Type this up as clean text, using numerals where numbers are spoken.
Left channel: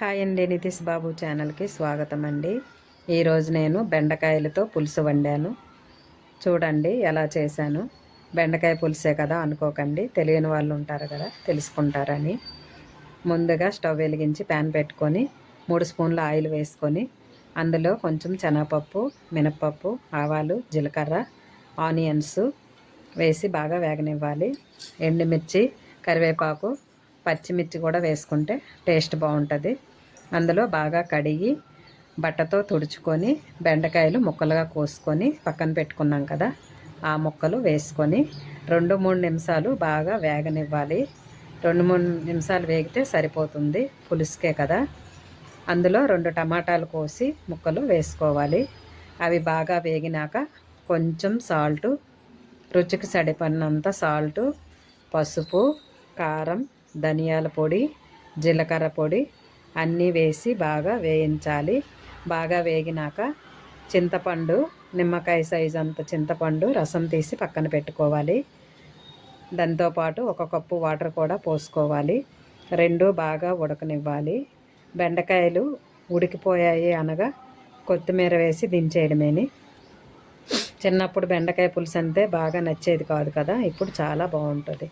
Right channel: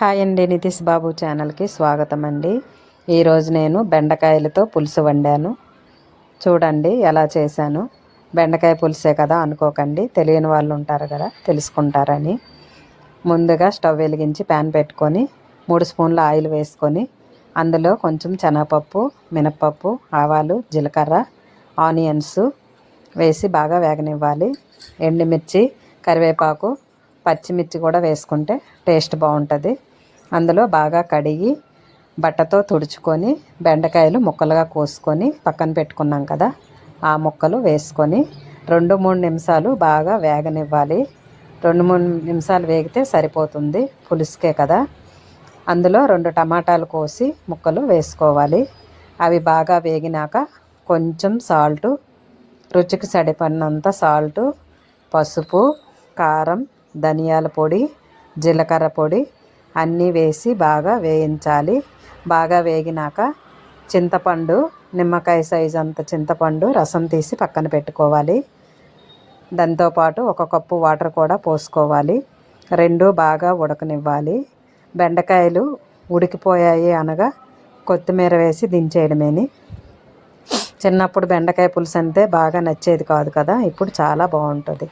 Hi అండి, నితీష్ బాబు ఛానల్కి స్వాగతం అండి. ఈరోజు నేను బెండకాయలతో పులుసు వండాను. చూడండి ఎలా చేశాను. బెండకాయ పులుసే కదా అనుకోకండి, తెలియని వాళ్ళు ఉంటారు కదా, తెలుసుకుంటారని. ముందుగా స్టవ్ వెలిగించి ప్యాన్ పెట్టుకొని 3 స్పూన్ల ఆయిల్ వేసుకొని అందులో కొంచెం శనగపప్పు, మినప్పప్పు, ఆవాలు, జీలకర్ర, ఆనియన్స్ వేసి బాగా వేగనివ్వాలి. ఎండుమిర్చి, కరివేపాకు, పచ్చిమిర్చి కూడా వేసుకుంటే టేస్ట్ బాగుంటుంది. అందులో బాగా కడిగి బట్టతో తుడుచుకొని బెండకాయలు ముక్కలుగా కోసుకొని పక్కన పెట్టుకున్నాం కదా, ఆ ముక్కలు వేసుకొని 2-3 నిమిషాలు బాగా వేగనివ్వాలి. 2-3 నిమిషాలు వేగితే సరిపోతుంది, పులుసుకే కదా. అందులో 2 టమాటాలు కోసి ముక్కలు వేసుకోవాలి. అవి బాగా వేగినాక కొంచెం సాల్టు, రుచికి సరిపడినంత సాల్టు, పసుపు, కారం, ధనియాల పొడి, జీలకర్ర పొడి అన్నీ వేసి బాగా వేయించాలి. బాగా వేగినాక చింతపండు, నిమ్మకాయ సైజు అంత చింతపండు రసం తీసి పక్కన పెట్టుకోవాలి. దాంతోపాటు 1 కప్పు వాటర్ కూడా పోసుకోవాలి. 2 బాగా ఉడకనివ్వాలి. బెండకాయలు ఉడికిపోయాయి అనగా కొత్తిమీర వేసి దించేయడమేని. చిన్నప్పుడు బెండకాయ పులుసు అంటే బాగా నచ్చేది కాదు కదా, ఇప్పుడు చాలా బాగుంటుంది.